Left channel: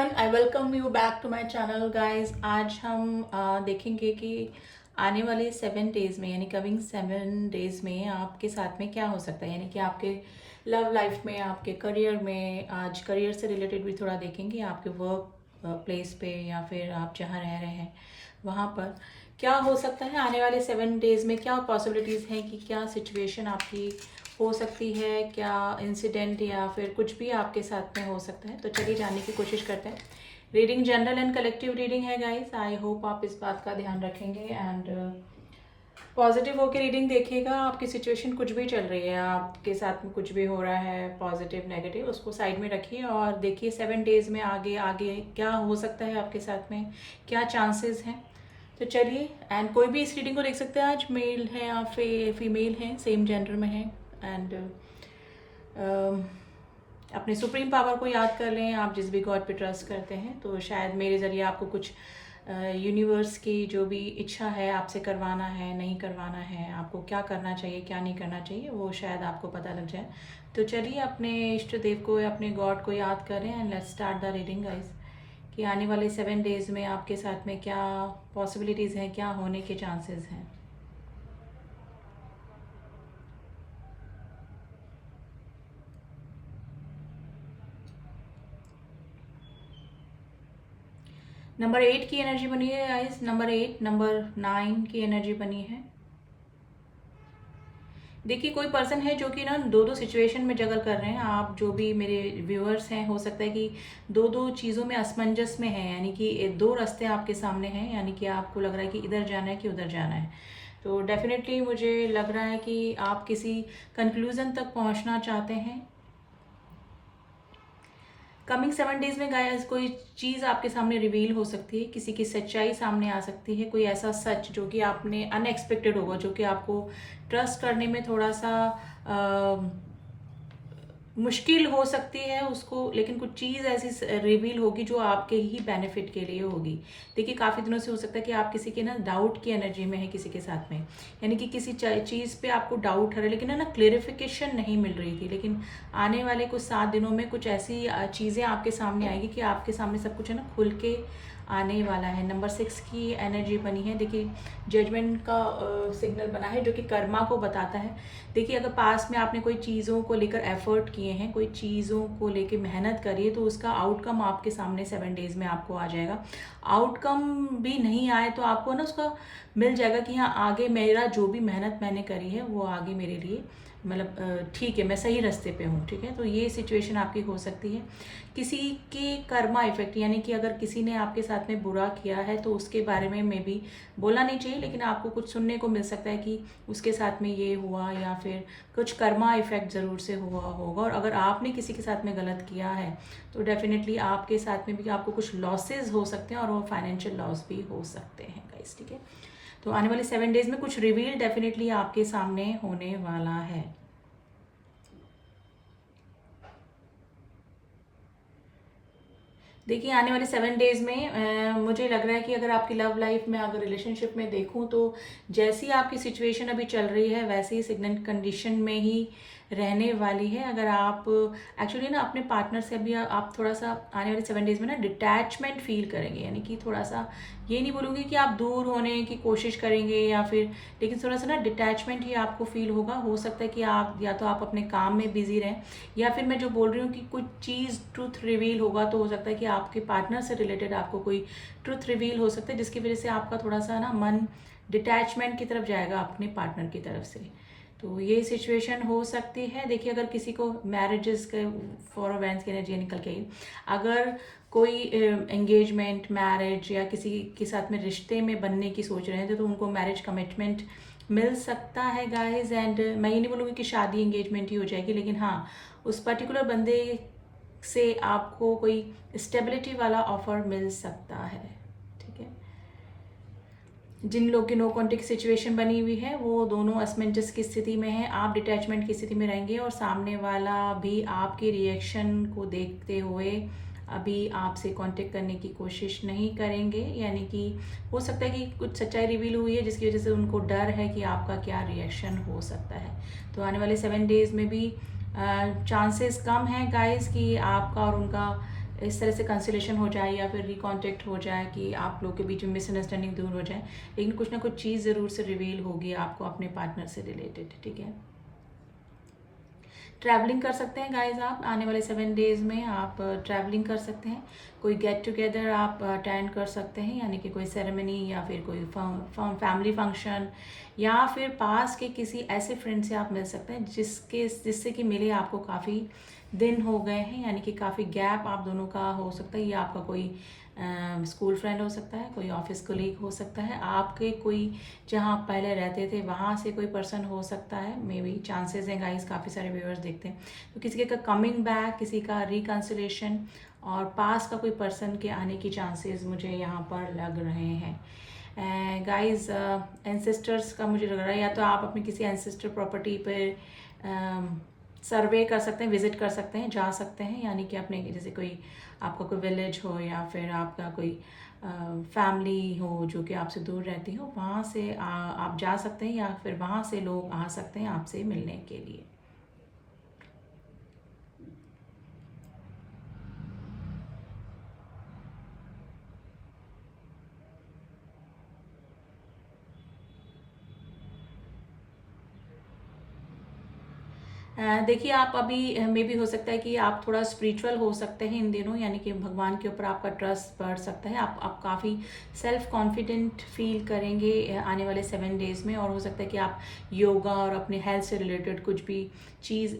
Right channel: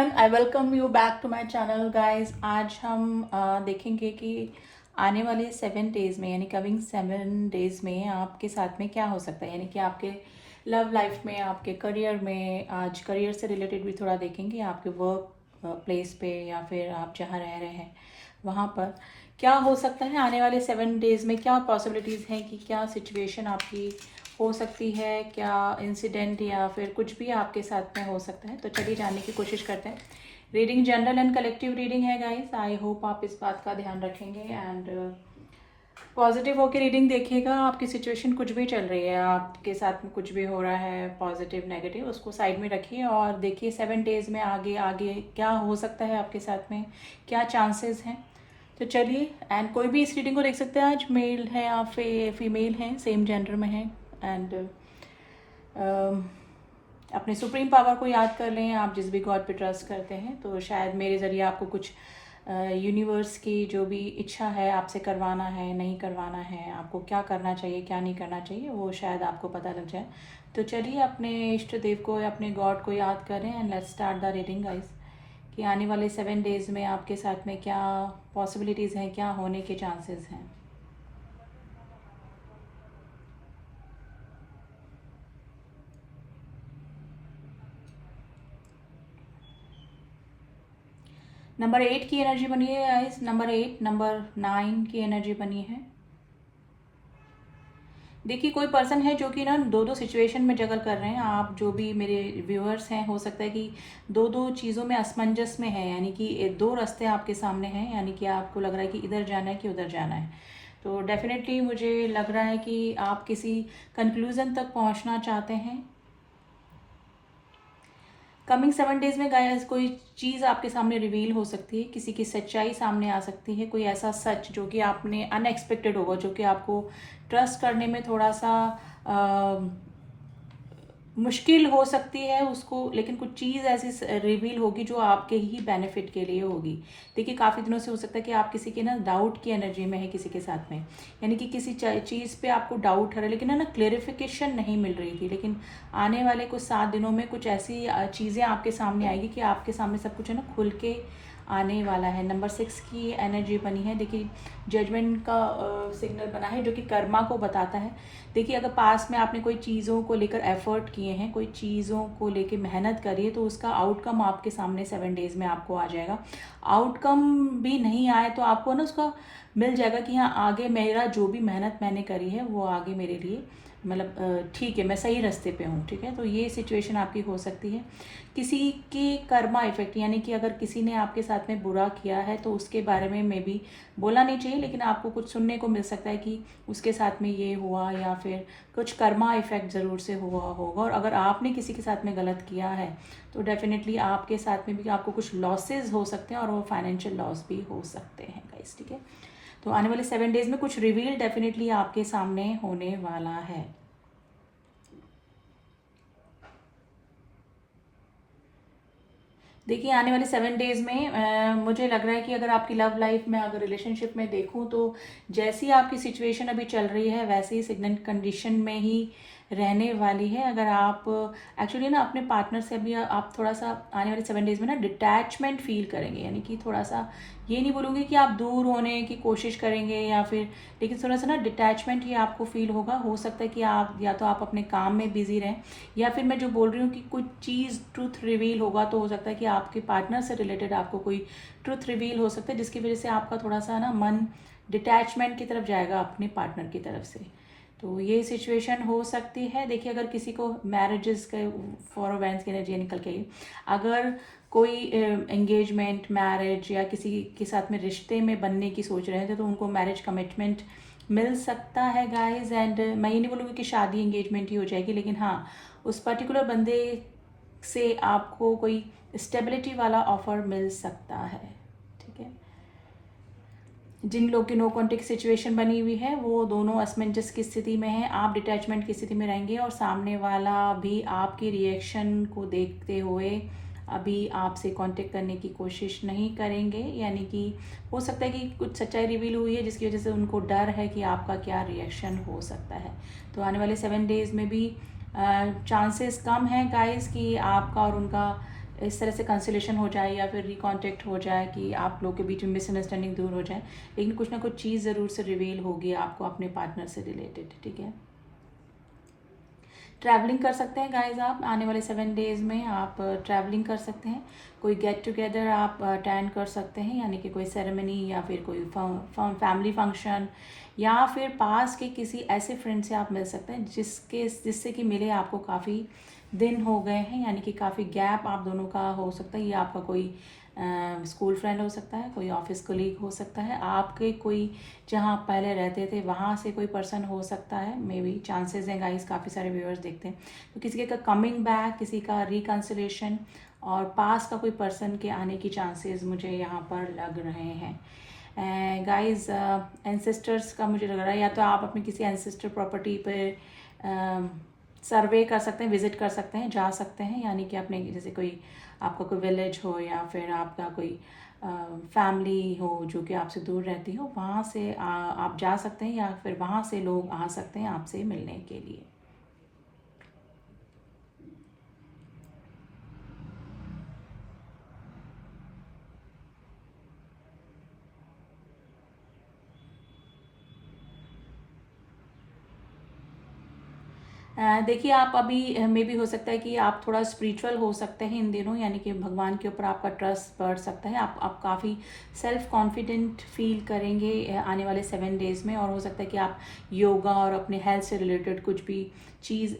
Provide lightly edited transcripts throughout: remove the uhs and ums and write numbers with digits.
Everyone, I welcome you back to my channel guys. आज हम देखेंगे कि आने वाले 7 डेज में यानी कमिंग 7 डेज में आपके साथ में क्या हो सकता है, यानी कि आपके लव लाइफ में, आपके करियर में। आज करियर से रिलेटेड भी थोड़ा देखेंगे, आपके वर्क प्लेस पे या फिर आप जहाँ रह रहे हैं वहाँ पर क्या हो सकता है आने वाले 7 डेज में। क्या पॉसिबिलिटीज़ हैं कि क्या सिचुएशन आपकी हो सकती है, क्या इंसिडेंट या फिर कुछ भी आपके साथ में हो सकता है। तो चलिए जानने की कोशिश करते हैं। Reading general and collective reading है गाइस। आई होप आप इस बात का ध्यान रखेंगे एंड पॉजिटिव होकर रीडिंग देखिएगा। आपकी सिचुएशन कुछ भी चल रही है, आपके साथ में कुछ भी हो रहा है, पॉजिटिव नेगेटिव, उसको साइड में रखिए और देखिए 7 डेज में आगे आगे क्या हो सकता है आपके साथ में, क्या चांसेस हैं। तो चलिए, एंड कोई भी इस रीडिंग को देख सकते हैं। आज मेल है, आप फीमेल हैं, सेम जेंडर में हैं एंड अपने सुप्रीम पावर को याद कर लें। आप जिस भी गॉड पे ट्रस्ट करते हैं तो शायद मेरे ज़रिए आपको कुछ यूनिवर्स की जो भी इच्छा है आपसे करवाना है, नहीं करवाना है, आपको क्या करना चाहिए, क्या नहीं करना चाहिए, वो शायद आपको पता लग जाए। तो चलिए अपने इष्ट देव को या अपने गॉड को याद करें and let's start the reading guys. कि आने वाले 7 डेज में आपके साथ में क्या पॉसिबिलिटीज़ हैं, क्या होने के चांसेस हैं। नंबर 8 की एनर्जी बनी है गाइस। नंबर 8, नंबर 9 की एनर्जी बनी है। देखिए, कोई पर्सन है जो कि ना दो दो सिचुएशन में जगल कर रहे हैं। आप जो भी मेरे व्यूअर्स हैं, हो सकता है कि दो दो चीज़ों में असमंजस में है, यानी कि दो रास्ते आपके सामने हैं, यानी कि आपको लग रहा है कि इधर जाना है कि उधर जाना है। तो डेफिनेटली मुझे लग रहा है कि आप किसी कंक्लूज़न तक पहुंचना चाहते हैं। कमिंग 7 डेज में गाइस कोई चीज़ आपके सामने रिवील हो सकती है, किसी की सच्चाई सामने आ सकती है, कोई ऐसा सच जो कि आपने अनएक्सपेक्टेड होगा, जो कि आपको ट्रस्ट करने में थोड़ा सा मुश्किल हो सकती है उसको, लेकिन कुछ चीज़ ऐसी रिवील होगी जो आपके ही बेनिफिट के लिए होगी। देखिए, काफ़ी दिनों से हो सकता है कि आप किसी के ना डाउट की एनर्जी में है किसी के साथ में, यानी कि किसी चीज़ पे आपको डाउट है लेकिन है ना क्लेरिफिकेशन नहीं मिल रही थी। लेकिन आने वाले कुछ 7 दिनों में कुछ ऐसी चीज़ें आपके सामने आएगी कि आपके सामने सब कुछ है ना खुल के आने वाला है। नंबर 6 की एनर्जी बनी है। देखिए, जजमेंट का सिग्नल बना है जो कि कर्मा को बताता है। देखिए, अगर पास में आपने कोई चीज़ों को लेकर एफर्ट किए हैं, कोई चीज़ों को लेकर मेहनत करी है, तो उसका आउटकम आपके सामने 7 डेज में आपको आ जाएगा। आउटकम भी नहीं आए तो आपको ना उसका मिल जाएगा कि हाँ, आगे मेरा जो भी मेहनत मैंने करी है वो आगे मेरे लिए मतलब ठीक है, मैं सही रास्ते पे हूँ। ठीक है, तो ये सिचुएशन आपकी हो सकती है। किसी के कर्मा इफेक्ट, यानी कि अगर किसी ने आपके साथ में बुरा किया है तो उसके बारे में मे बी बोला नहीं चाहिए, लेकिन आपको कुछ सुनने को मिल सकता है कि उसके साथ में ये हुआ, या फिर कुछ कर्मा इफेक्ट ज़रूर से हुआ होगा। और अगर आपने किसी के साथ में गलत किया है तो डेफिनेटली आपके साथ में भी आपको कुछ लॉसेज हो सकते हैं और वो फाइनेंशियल लॉस भी हो सकते हैं गाइस। ठीक है, तो आने वाले 7 डेज में कुछ रिवील डेफिनेटली आपके सामने होने वाला है। देखिए, आने वाले 7 डेज में मुझे लग रहा है कि अगर आपकी लव लाइफ में, अगर रिलेशनशिप में देखूं तो जैसी आपकी सिचुएशन अभी चल रही है वैसे ही सिग्नेंट कंडीशन में ही रहने वाली है। अगर आप एक्चुअली ना अपने पार्टनर से अभी आप थोड़ा सा आने वाले 7 डेज में ना डिटैचमेंट फील करेंगे, यानी कि थोड़ा सा, ये नहीं बोलूँगी कि आप दूर होने की कोशिश करेंगे या फिर, लेकिन थोड़ा सा ना डिटैचमेंट ही आपको फील होगा। हो सकता है कि आप या तो आप अपने काम में बिजी रहें, या फिर मैं जो बोल रही हूँ कि कुछ चीज़ ट्रूथ रिवील होगा, तो हो सकता है कि आपके पार्टनर से रिलेटेड आपको कोई ट्रूथ रिवील हो सकता है, जिसकी वजह से आपका थोड़ा सा ना मन डिटैचमेंट की तरफ जाएगा अपने पार्टनर की तरफ से। तो ये सिचुएशन हो सकती है। देखिए, अगर किसी को मैरिजेस के फॉर वेंस की एनर्जी निकल के, अगर कोई एंगेजमेंट, मैरिज या किसी के साथ में रिश्ते में बनने की सोच रहे थे तो उनको मैरिज कमिटमेंट मिल सकता है गाइस। एंड मैं ये नहीं बोलूँगी कि शादी एंगेजमेंट ही हो जाएगी, लेकिन हाँ, उस पर्टिकुलर बंदे से आपको कोई स्टेबिलिटी वाला ऑफर मिल सकता है। ठीक है, जिन लोग की नो कॉन्टेक्ट सिचुएशन बनी हुई है वो दोनों असमंजस की स्थिति में है। आप डिटैचमेंट की स्थिति में रहेंगे और सामने वाला भी आपके रिएक्शन को देखते हुए अभी आपसे कांटेक्ट करने की कोशिश नहीं करेंगे, यानी कि हो सकता है कि कुछ सच्चाई रिवील हुई है जिसकी वजह से उनको डर है कि आपका क्या रिएक्शन हो सकता है। तो आने वाले 7 डेज में भी चांसेस कम हैं गाइस कि आपका और उनका इस तरह से कंसिलेशन हो जाए या फिर रिकॉन्टेक्ट हो जाए कि आप लोग के बीच में मिसअंडरस्टैंडिंग दूर हो जाए, लेकिन कुछ ना कुछ चीज़ ज़रूर से रिवील होगी आपको अपने पार्टनर से रिलेटेड, ठीक है। ट्रैवलिंग कर सकते हैं गाइज, आप आने वाले 7 डेज़ में आप ट्रैवलिंग कर सकते हैं। कोई गेट टुगेदर आप अटेंड कर सकते हैं, यानी कि कोई सेरेमनी या फिर कोई फैमिली फंक्शन, या फिर पास के किसी ऐसे फ्रेंड से आप मिल सकते हैं जिससे कि मिले आपको काफ़ी दिन हो गए हैं, यानी कि काफ़ी गैप आप दोनों का हो सकता है। ये आपका कोई स्कूल फ्रेंड हो सकता है, कोई ऑफिस कोलीग हो सकता है, आपके कोई जहाँ आप पहले रहते थे वहाँ से कोई पर्सन हो सकता है, मे बी चांसेस हैं गाइस, काफ़ी सारे व्यूअर्स देखते हैं। तो किसी का कमिंग बैक, किसी का रिकन्सिलेशन और पास का कोई पर्सन के आने की चांसेस मुझे यहाँ पर लग रहे हैं। गाइस एंसेस्टर्स का मुझे लग रहा है, या तो आप अपनी किसी एंसेस्टर प्रॉपर्टी पर सर्वे कर सकते हैं, विजिट कर सकते हैं, जा सकते हैं, यानी कि अपने जैसे कोई आपका कोई विलेज हो या फिर आपका कोई फैमिली हो जो कि आपसे दूर रहती हो, वहाँ से आप जा सकते हैं, या फिर वहाँ से लोग आ सकते हैं आपसे मिलने के लिए। देखिए आप अभी मे भी हो सकता है कि आप थोड़ा स्पिरिचुअल हो सकते हैं इन दिनों, यानी कि भगवान के ऊपर आपका ट्रस्ट बढ़ सकता है, आप काफ़ी सेल्फ कॉन्फिडेंट फील करेंगे आने वाले 7 डेज़ में। और हो सकता है कि आप योगा और अपने हेल्थ से रिलेटेड कुछ भी चीज़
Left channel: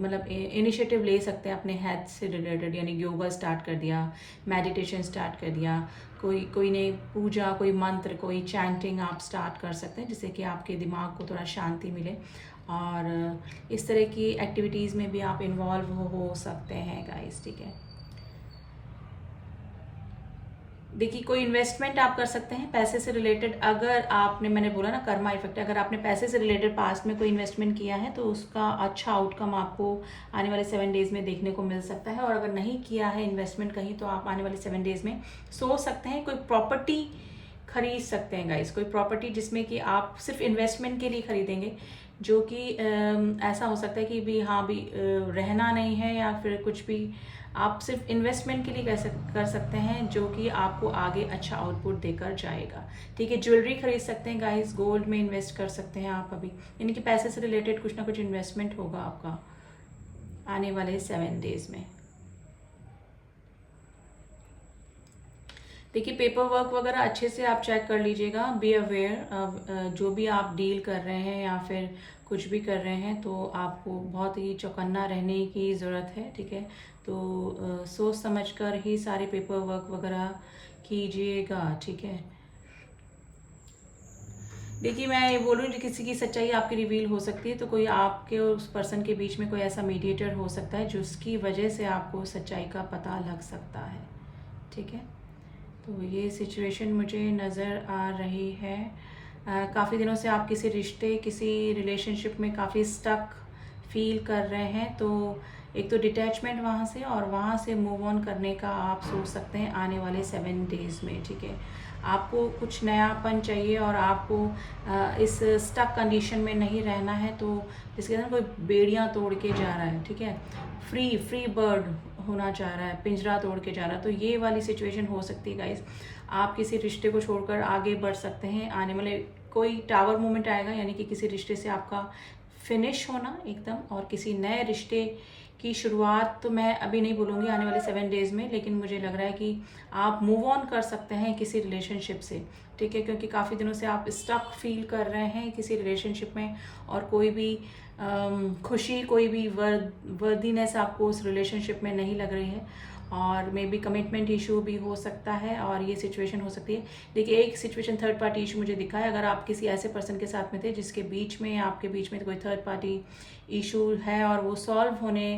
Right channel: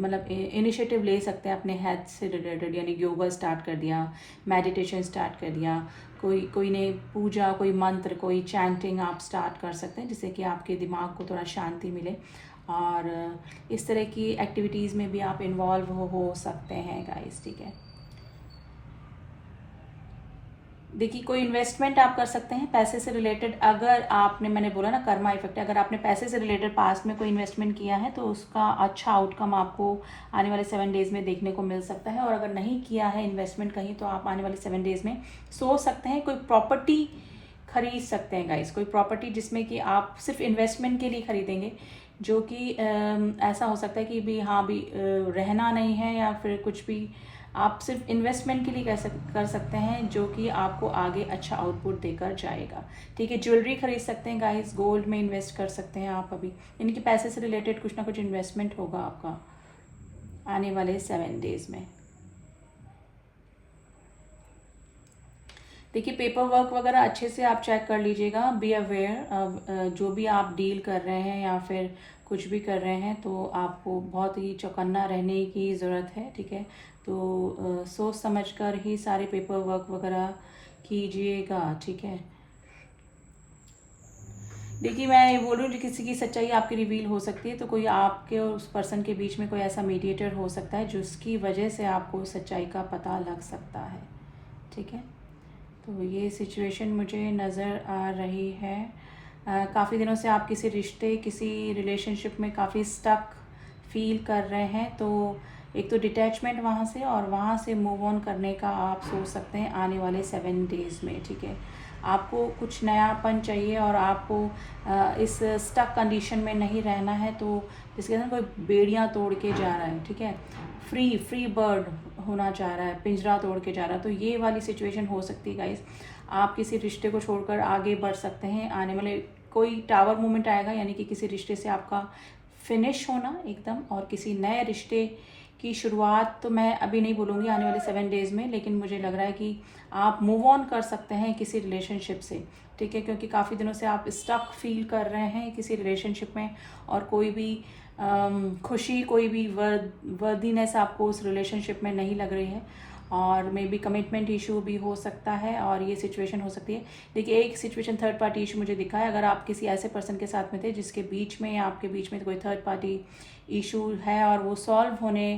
मतलब इनिशिएटिव ले सकते हैं अपने हेल्थ से रिलेटेड, यानी योगा स्टार्ट कर दिया, मेडिटेशन स्टार्ट कर दिया, कोई ने पूजा, कोई मंत्र, कोई चैंटिंग आप स्टार्ट कर सकते हैं, जिससे कि आपके दिमाग को थोड़ा शांति मिले। और इस तरह की एक्टिविटीज़ में भी आप इन्वॉल्व हो सकते हैं गाइस, ठीक है। देखिए कोई इन्वेस्टमेंट आप कर सकते हैं पैसे से रिलेटेड, अगर आपने, मैंने बोला ना कर्मा इफेक्ट, अगर आपने पैसे से रिलेटेड पास्ट में कोई इन्वेस्टमेंट किया है तो उसका अच्छा आउटकम आपको आने वाले 7 डेज़ में देखने को मिल सकता है। और अगर नहीं किया है इन्वेस्टमेंट कहीं, तो आप आने वाले 7 डेज़ में सोच सकते हैं कोई प्रॉपर्टी खरीद सकते हैं गाइस, कोई प्रॉपर्टी जिसमें कि आप सिर्फ इन्वेस्टमेंट के लिए खरीदेंगे, जो कि ऐसा हो सकता है कि भी हाँ भी रहना नहीं है, या फिर कुछ भी आप सिर्फ इन्वेस्टमेंट के लिए कर सकते हैं, जो कि आपको आगे अच्छा आउटपुट देकर जाएगा, ठीक है। ज्वेलरी खरीद सकते हैं गाइस, गोल्ड में इन्वेस्ट कर सकते हैं आप अभी, यानी कि पैसे से रिलेटेड कुछ ना कुछ इन्वेस्टमेंट होगा आपका आने वाले 7 डेज़ में। देखिए पेपर वर्क वगैरह अच्छे से आप चेक कर लीजिएगा, बी अवेयर, जो भी आप डील कर रहे हैं या फिर कुछ भी कर रहे हैं तो आपको बहुत ही चौकन्ना रहने की ज़रूरत है, ठीक है। तो सोच समझ कर ही सारे पेपर वर्क वगैरह कीजिएगा, ठीक है। देखिए मैं ये बोलूँ कि किसी की सच्चाई आपकी रिवील हो सकती है, तो कोई आपके और उस पर्सन के बीच में कोई ऐसा मीडिएटर हो सकता है जिसकी वजह से आपको सच्चाई का पता लग सकता है, ठीक है। तो ये सिचुएशन मुझे नज़र आ रही है। काफ़ी दिनों से आप किसी रिश्ते, किसी रिलेशनशिप में काफ़ी स्टक फील कर रहे हैं, तो एक तो डिटैचमेंट वहाँ से, और वहाँ से मूव ऑन करने का आप सोच सकते हैं आने वाले 7 डेज़ में, ठीक है। आपको कुछ नयापन चाहिए और आपको इस स्टक कंडीशन में नहीं रहना है, तो जिसके अंदर कोई बेड़ियाँ तोड़ के जा रहा है, ठीक है, फ्री बर्ड होना चाह रहा है, पिंजरा तोड़ के जा रहा है, तो ये वाली सिचुएशन हो सकती है गाइस। आप किसी रिश्ते को छोड़कर आगे बढ़ सकते हैं, आने वाले कोई टावर मोमेंट आएगा, यानी कि किसी रिश्ते से आपका फिनिश होना एकदम, और किसी नए रिश्ते की शुरुआत तो मैं अभी नहीं बोलूँगी आने वाले 7 डेज़ में, लेकिन मुझे लग रहा है कि आप मूव ऑन कर सकते हैं किसी रिलेशनशिप से, ठीक है, क्योंकि काफ़ी दिनों से आप स्टक फील कर रहे हैं किसी रिलेशनशिप में, और कोई भी खुशी, कोई भी वर्दीनेस आपको उस रिलेशनशिप में नहीं लग रही है, और मे बी कमिटमेंट इशू भी हो सकता है, और ये सिचुएशन हो सकती है। देखिए एक सिचुएशन थर्ड पार्टी इशू मुझे दिखा है, अगर आप किसी ऐसे पर्सन के साथ में थे जिसके बीच में या आपके बीच में कोई थर्ड पार्टी इशू है और वो सॉल्व होने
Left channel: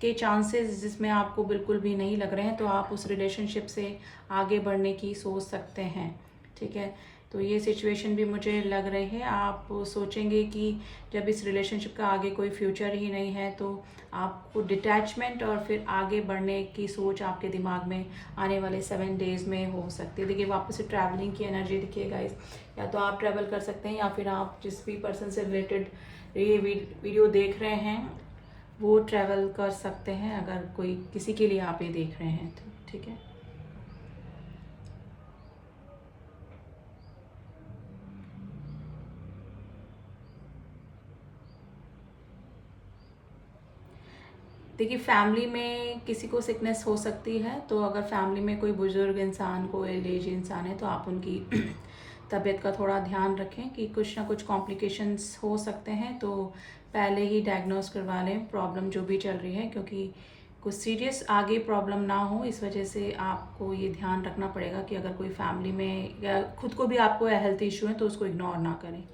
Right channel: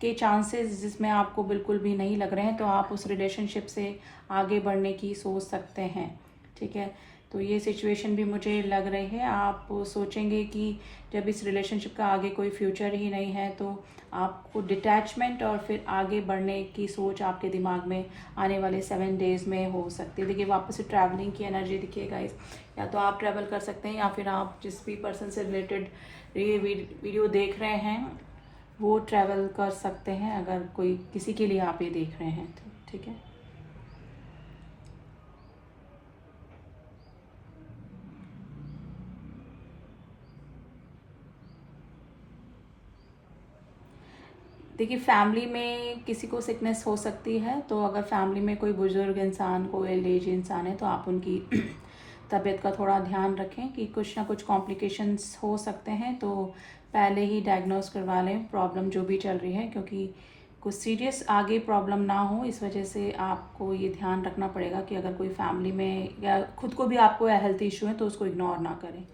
के चांसेस जिसमें आपको बिल्कुल भी नहीं लग रहे हैं, तो आप उस रिलेशनशिप से आगे बढ़ने की सोच सकते हैं, ठीक है। तो ये सिचुएशन भी मुझे लग रही है, आप सोचेंगे कि जब इस रिलेशनशिप का आगे कोई फ्यूचर ही नहीं है, तो आपको डिटैचमेंट और फिर आगे बढ़ने की सोच आपके दिमाग में आने वाले 7 डेज़ में हो सकती है। देखिए वापस से ट्रैवलिंग की एनर्जी दिखिएगा इस, या तो आप ट्रैवल कर सकते हैं, या फिर आप जिस भी पर्सन से रिलेटेड ये वीडियो देख रहे हैं वो ट्रैवल कर सकते हैं, अगर कोई किसी के लिए आप ये देख रहे हैं तो। ठीक है, देखिए फैमिली में किसी को सिकनेस हो सकती है, तो अगर फैमिली में कोई बुजुर्ग इंसान, कोई एज इंसान है, तो आप उनकी तबीयत का थोड़ा ध्यान रखें कि कुछ ना कुछ कॉम्प्लिकेशंस हो सकते हैं, तो पहले ही डायग्नोस करवा लें प्रॉब्लम जो भी चल रही है, क्योंकि कुछ सीरियस आगे प्रॉब्लम ना हो। इस वजह से आपको ये ध्यान रखना पड़ेगा कि अगर कोई फैमिली में या खुद को भी आपको हेल्थ इशू है तो उसको इग्नोर ना करें।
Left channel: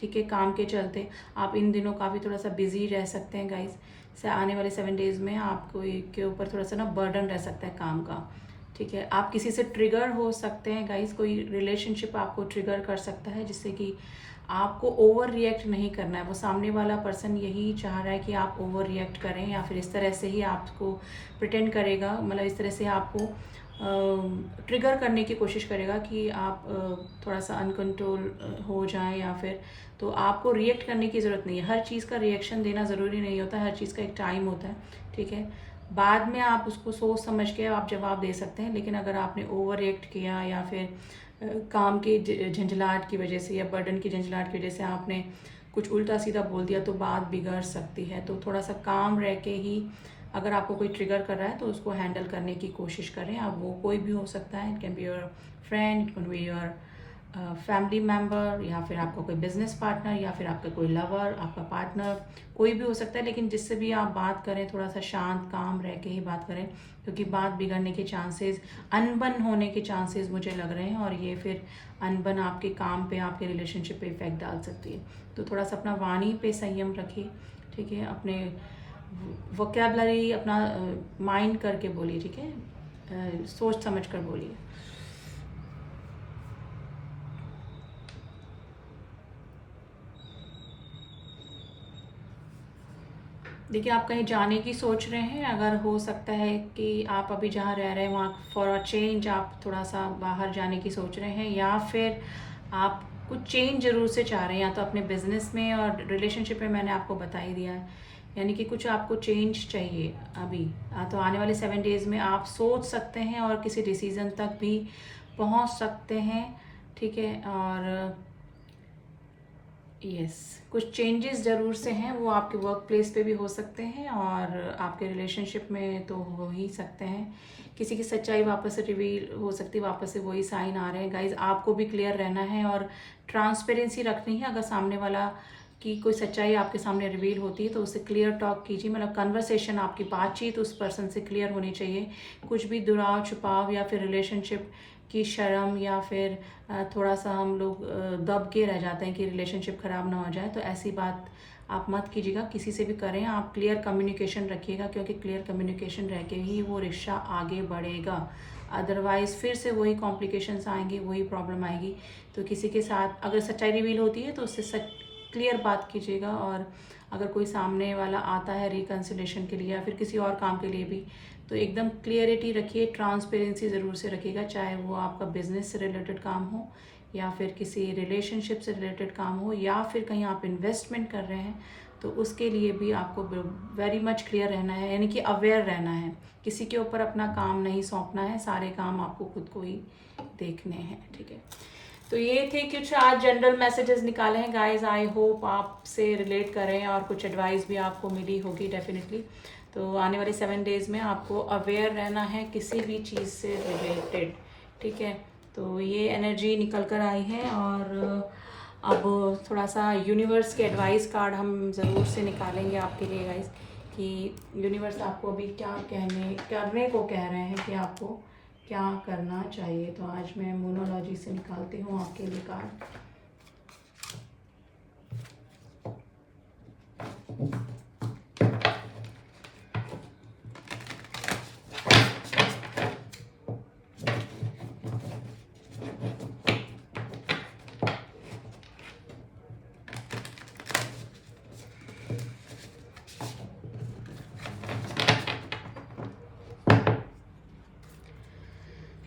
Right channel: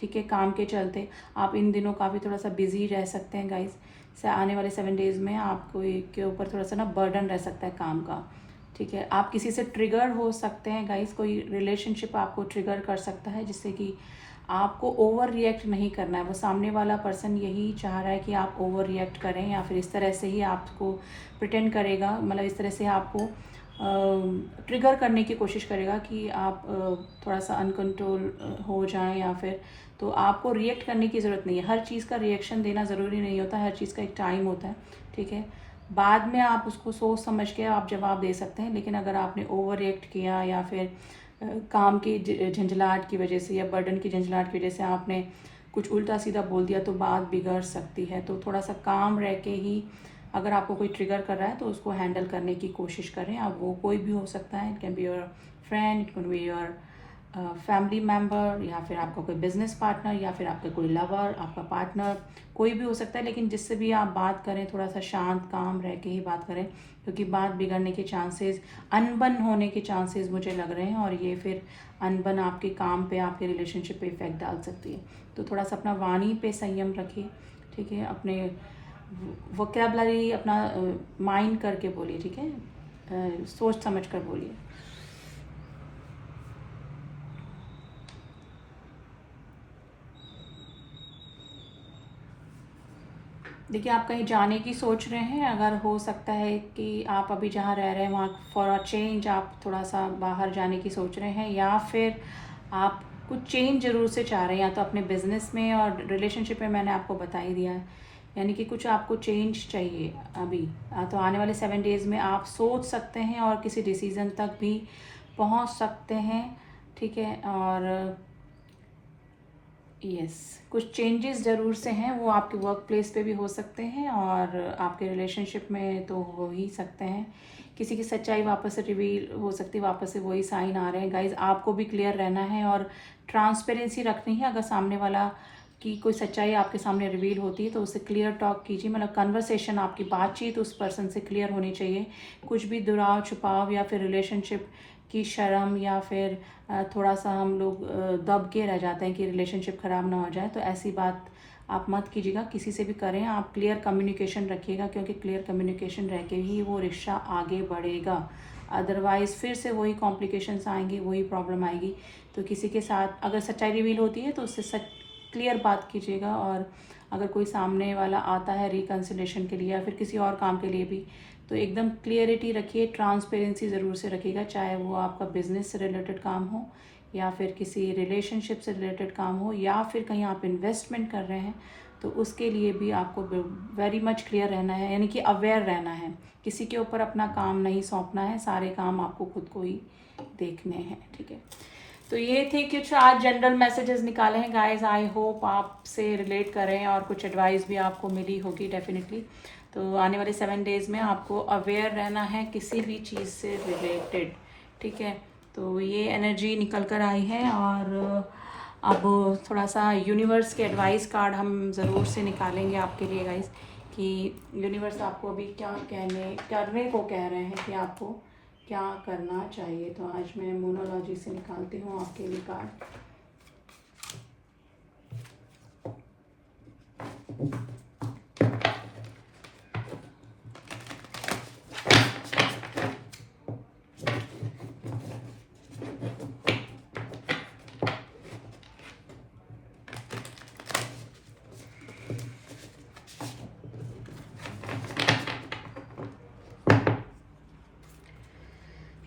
ठीक है, काम के चलते आप इन दिनों काफ़ी थोड़ा सा बिजी रह सकते हैं गाइज। से आने वाले 7 डेज में आपको के ऊपर थोड़ा सा ना बर्डन रह सकता है काम का। ठीक है, आप किसी से ट्रिगर हो सकते हैं गाइज, कोई रिलेशनशिप आपको ट्रिगर कर सकता है, जिससे कि आपको ओवर रिएक्ट नहीं करना है। वो सामने वाला पर्सन यही चाह रहा है कि आप ओवर रिएक्ट करें, या फिर इस तरह से ही आपको प्रिटेंड करेगा, मतलब इस तरह से आपको ट्रिगर करने की कोशिश करेगा कि आप थोड़ा सा अनकंट्रोल हो जाएं, या फिर तो आपको रिएक्ट करने की ज़रूरत नहीं है। हर चीज़ का रिएक्शन देना ज़रूरी नहीं होता, हर चीज़ का एक टाइम होता है। ठीक है, बाद में आप उसको सोच समझ के आप जवाब दे सकते हैं, लेकिन अगर आपने ओवर रिएक्ट किया या फिर काम की झंझलाहट की वजह से या बर्डन की झंझलाहट की वजह से आपने कुछ उल्टा सीधा बोल दिया, तो बात बिगड़ सकती है। तो थोड़ा सा काम रह के ही अगर आपको कोई ट्रिगर कर रहा है तो उसको हैंडल करने की कोशिश करें। अब वो कोई भी हो सकता है, it can be your friend, it can be your family member, या फिर आपका कोई बिजनेस पार्टनर, या फिर आपका कोई लवर, आपका पार्टनर, कोई भी हो सकता है। लेकिन जिससे भी आप बात करें थोड़ा सा शांत काम रह के ही बात करें, क्योंकि बात बिगड़ने के चांसेस, अनबन होने के चांसेस मुझे लग रहे हैं, और ये फिर अनबन आपके काम पे, आपके रिलेशनशिप पे इफेक्ट डाल सकती है। तो थोड़ा सा अपना वाणी पे संयम रखिए। ठीक है, अपने वोकैबुलरी अपना माइंड करके बोलिए। ठीक है, सोच समझ कर बोलिए। देखिए आप कहीं जाने की सोच रहे हैं, अगर हो सकता है कि आप अभी जहाँ रह रहे हैं वहाँ फॉर अ चेंज आप थोड़ा सा बाहर जाने की सोच रहे हैं, या फिर आप कुछ चेंज ज़रूर से चाह रहे हैं, या तो अपने बिजनेस में और रिलेशनशिप में मैंने आपको बता ही दिया है, यानी कि कुछ आपको चेंज चाहिए अभी। तो आने वाले 7 डेज में आप सोच सकते हैं और किसी डिसीज़न तक भी पहुँच सकते हैं। ठीक है, और यस, कुछ चेंजेस ज़रूर से हैं, वो आपके वर्क प्लेस पे भी हो सकते हैं और आपके रिलेशनशिप में तो हो ही सकते हैं। किसी की सच्चाई वापस से रिवील हो सकती है, वापस से वही साइन आ रहे हैं गाइज। आपको भी क्लियर रहना है और ट्रांसपेरेंसी रखनी है। अगर सामने वाला की कोई सच्चाई आपके सामने रिवील होती है तो उससे क्लियर टॉक कीजिए, मतलब कन्वर्सेशन, आपकी बातचीत उस पर्सन से क्लियर होनी चाहिए। कुछ भी दुराव छुपाव या फिर रिलेशनशिप की शर्म, या फिर थोड़ा सा हम लोग दब के रह जाते हैं कि रिलेशनशिप ख़राब ना हो जाए, तो ऐसी बात आप मत कीजिएगा। किसी से भी करें आप क्लियर कम्युनिकेशन रखिएगा, क्योंकि क्लियर कम्युनिकेशन रह के ही वो रिश्ता आगे बढ़ेगा। अदरवाइज़ फिर से वही कॉम्प्लिकेशंस आएंगी, वही प्रॉब्लम आएगी। तो किसी के साथ अगर सच्चाई रिवील होती है तो उससे क्लियर बात कीजिएगा। और अगर कोई सामने वाला आता है रिकन्सिलेशन के लिए या फिर किसी और काम के लिए भी, तो एकदम क्लियरिटी रखिए, ट्रांसपेरेंसी ज़रूर से रखिएगा, चाहे वो आपका बिजनेस से रिलेटेड काम हो, या फिर किसी रिलेशनशिप से रिलेटेड काम हो, या फिर कहीं आप इन्वेस्टमेंट कर रहे हैं, तो उसके लिए भी आपको वेरी मच क्लियर रहना है, यानी कि अवेयर रहना है। किसी के ऊपर अपना काम नहीं सौंपना है, सारे काम आपको खुद को ही देखने हैं। ठीक है, तो ये थे कुछ आज जनरल मैसेजेस निकाले हैं गाइस। आई होप आपसे रिलेट करें और कुछ एडवाइस भी आपको मिली होगी डेफिनेटली। तो आने वाले 7 डेज में आपको अवेयर रहना है किसी भी चीज़ से रिलेटेड। ठीक है, तो ये एनर्जी निकल कर आई है, और अब थोड़ा सा यूनिवर्स के एडवाइस कार्ड हम ज़रूर से निकालेंगे आपके लिए गाइस, कि यूनिवर्स आपको अभी क्या करने को कह रहे हैं, कि आपको क्या करना चाहिए। तो आज मैं मोनोलॉजी से निकालती हूँ आपके लिए कार्ड।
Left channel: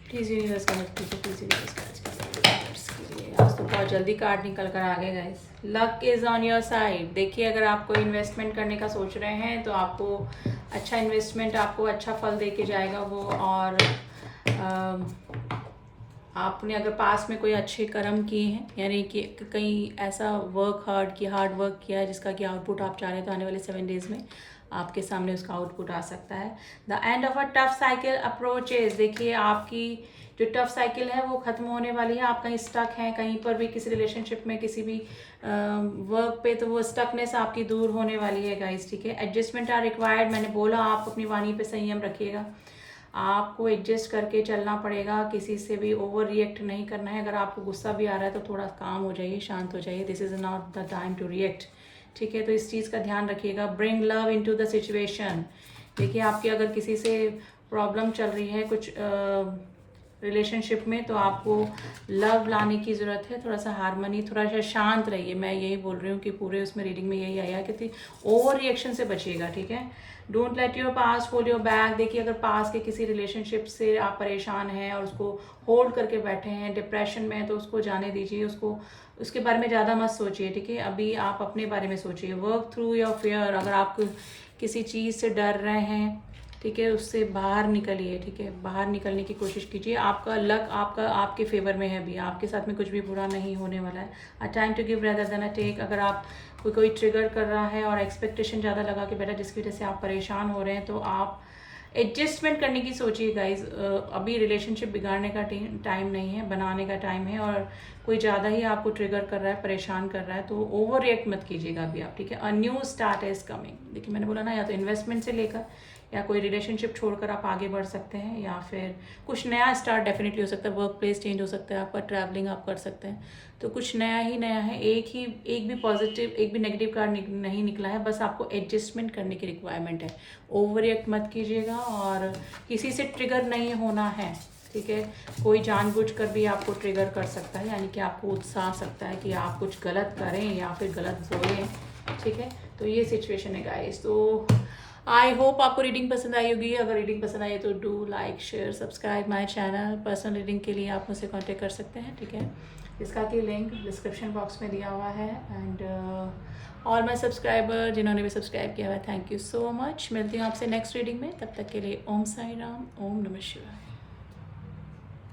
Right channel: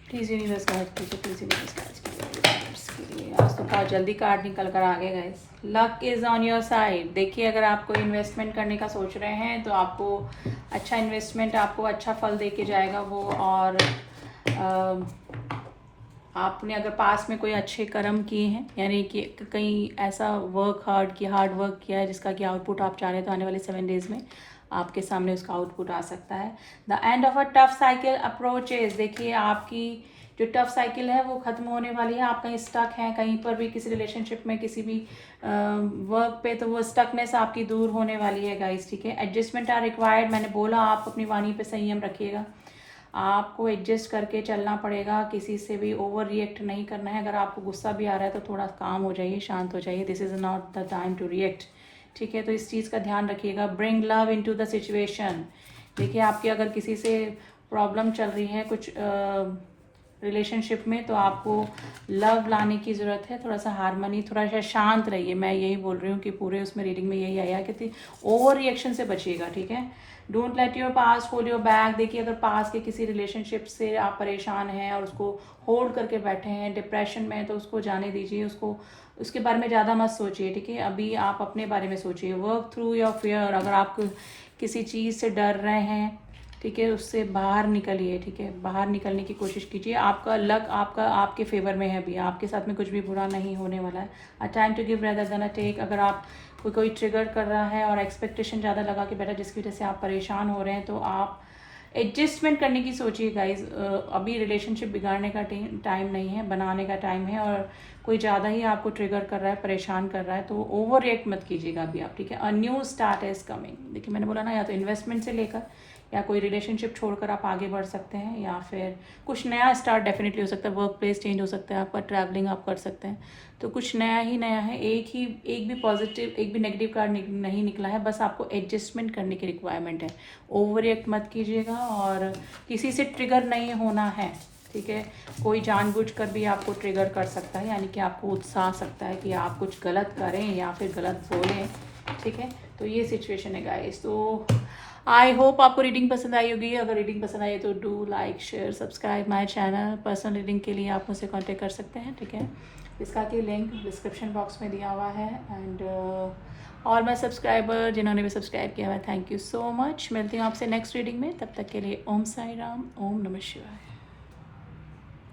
प्लीज यूनिवर्स गाइड कीजिए, प्लीज यूनिवर्स गाइड कीजिए। आज तो कार्ड जल्दी कार्ड निकल कर आ गए guys. Luck is on your side. देखिए अगर आप कोई इन्वेस्टमेंट करने का सोच रहे हैं तो आपको अच्छा इन्वेस्टमेंट, आपको अच्छा फल दे के जाएगा वो। और आपने अगर पास में कोई अच्छे कर्म किए हैं, यानी कि कहीं ऐसा हार्ड वर्क किया है जिसका कि आउटपुट आप चाह रहे हैं, तो आने वाले 7 डेज में आपके सामने उसका आउटपुट आ सकता है। The end of a tough cycle approaches. देखिए आपकी जो टफ साइकिल है वो खत्म होने वाली है। आप कहीं स्टक हैं, कहीं पर भी किसी रिलेशनशिप में, किसी भी वर्क पे, तो वो स्टकनेस आपकी दूर होने वाली है गाइस, ठीक है। Adjustment are required. मैंने बोला आप अपनी वाणी पे संयम रखिएगा, आपको एडजस्ट करके चलना पड़ेगा, किसी से भी ओवर रिएक्ट नहीं करना है। अगर आपको गुस्सा भी आ रहा है तो थोड़ा काम हो जाइए, शांत हो जाइए। This is not the time to react, ठीक है। तो इस चीज़ का ध्यान रखिएगा। Bring love into the situation. देखिए आपके अगर किसी से प्रॉब्लम चल रही है कुछ रिलेशनशिप में, तो आपको लव लाने की ज़रूरत है। थोड़ा सा हारमोनी, थोड़ा सा शांत रहिए। मैं यही बोल रही हूँ कि पूरे उसमें रीडिंग में यही आया कि ओवर रिएक्शन से बचिएगा, ठीक है। Don't let your past hold your back. देखिए अगर पास के किसी रिलेशनशिप से आप परेशान हैं और उसको होल्ड करके बैठे हैं, डिप्रेशन में, तो उसको जाने दीजिए, उसको उसके बारे में ज़्यादा मत सोचिए, ठीक है। अभी आप अपने बारे में सोचिए। Work through your fear. अगर आप किसी चीज़ से डर रहे हैं, ठीक है, उससे बाहर निकलिए, ठीक है। बाहर निकलने की कोशिश कीजिए। आपका लक आपके फेवर में है अभी, आपके साथ में कुछ भी बुरा नहीं होने वाला है। A time to give rather than a take. अगर आप कोई ट्रिगर कर रहा है और एक्सपेक्टेशन ज़्यादा लगा के बैठा जिसकी वजह से आप परेशान हो रहे हैं, तो आप एडजस्टमेंट करने की सोचिए गाइज। अभी रिलेशनशिप बिगाड़ने का टाइम नहीं है, बनाने का टाइम है। और कोई ज़्यादा ही आपको ट्रिगर कर रहा है, परेशान कर रहा है, तो ओवर रिएक्ट मत कीजिएगा अभी आप, ठीक है। A new start is coming. देखिए मैंने बोला ना, या तो इन्वेस्टमेंट से लेकर या कोई रिलेशनशिप छोड़कर आप आगे बढ़ सकते हैं, या फिर कुछ नया स्टार्ट डेफिनेटली हो सकता है। वर्क प्लेस चेंज हो सकता है आपका, ट्रैवलिंग आप कर सकते हैं। तो कुछ नया ही नया है। एक भी पॉजिटिव, एक भी नेगेटिव कार्ड नहीं निकला है। बस आपको एडजस्टमेंट करने की रिक्वायरमेंट है। ओवर रिएक्ट मत कीजिएगा और किसी से ट्रिगर नहीं होना है, ठीक है। कोई जानबूझकर भी आपको ट्रिगर कर सकता है, यानी कि आपको उत्साह सकता है कि आप कुछ गलत करें या फिर गलत बोलें, ठीक है। तो ये सिचुएशन है गाइस। तो आई होप आपको रीडिंग पसंद आई होगी। अगर रीडिंग पसंद आई है तो do like, share, subscribe my channel. Personal reading के लिए आप मुझसे कांटेक्ट कर सकते हैं, ठीक है। इसका की लिंक डिस्क्रिप्शन बॉक्स में दिया हुआ है। एंड ऑल माय सब्सक्राइबर जिन्होंने भी सब्सक्राइब किया हुआ है, थैंक यू सो मच। मिलती हूँ आपसे नेक्स्ट रीडिंग में। तब तक के लिए ओम साई राम, ओम नमः शिवाय।